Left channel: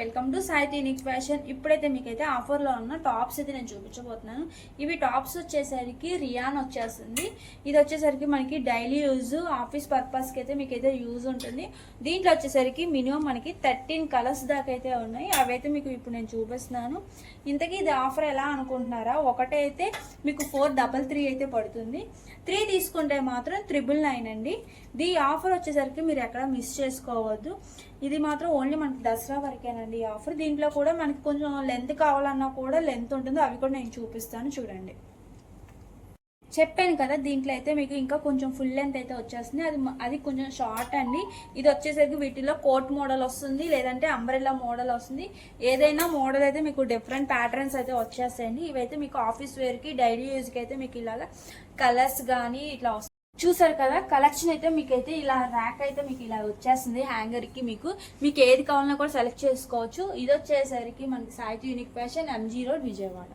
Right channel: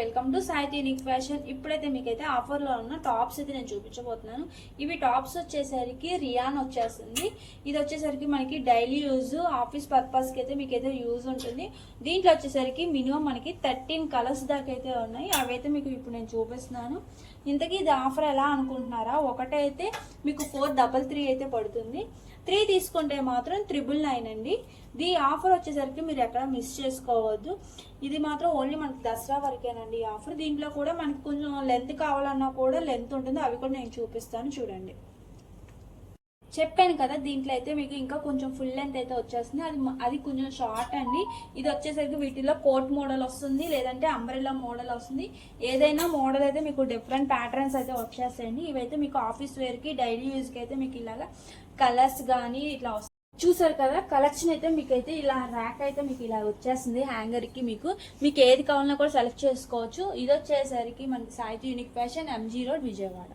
Welcome to Saithi unique fashion. ఇప్పుడైతే మీకైతే ఆఫర్లో ఉన్న టాప్స్ అయితే నేను చూపించబోతున్నాను. ఇవి టాప్స్ వచ్చేసరికి రియాన్ వచ్చేస్తుంది. ఇది వచ్చేసరికి మనకి డైలీ యూజ్ ఆఫీస్ పర్పస్కి అయితే మీకైతే యూజ్ ఉంటుంది. దీంట్లో వచ్చేసరికి మినిమం మనకి 13 కలర్స్ దాకా అయితే ఉన్నాయి. అవైతే మీకు ఇప్పుడు నేను చూపిస్తున్నాను. ఇంతకీ ఇది ఆఫర్ ఎలా అనుకుంటున్నారా? ఒకటైతే మీకు 433 అయితే పడుతుంది. 3 తీసుకుంటే మాత్రం 999 అండి. ఈ ఆఫర్ వచ్చేసరికి మీరు ఎక్కడ మిస్ చేసుకోవద్దు. ఇది మాత్రం ఓన్లీ మనకి దసరా వరకేనండి ఈ ఆఫర్. దీంట్లో కూడా మనకి కొంచెం లెంత్ కావాలన్నా కూడా లెంత్ ఉంటుంది. అవి కూడా నేను చూపిస్తాను చూడండి. చెప్పాను కదా, దీంట్లో అయితే మీకు ఇంకా కొంచెం ఫుల్ లెంత్ అయితే వచ్చేస్తుంది. అది కొంచెం షార్ట్ అండి. ఇది వచ్చేసరికి వీటిలో కోట్ మోడల్ వస్తుంది, లేదంటే అంబ్రెల్లా మోడల్ వస్తుంది. ఏదైనా మోడల్ అయితే మీకు డిఫరెంట్ ప్యాటర్న్స్ అయితే వచ్చేస్తాయండి. ఇవైతే మీకు ఆఫీస్ వేర్కి డైలీ యూజ్కి అయితే మీకు ఇలాగా కలర్స్ కానీ ఇట్లా వస్తాయి. చూసారు కదా, కలెక్షన్ అయితే మీకైతే ఇలా ర్యాక్ అయితే మీకు ఇలా వచ్చేస్తుంది. హ్యాంగర్కి మీకు ఏది కావాలన్నా కూడా సెలెక్ట్ చేసుకోవచ్చు. ఇది వచ్చేసరికి మనకి Saithi unique fashion, MG road, Vijayawada.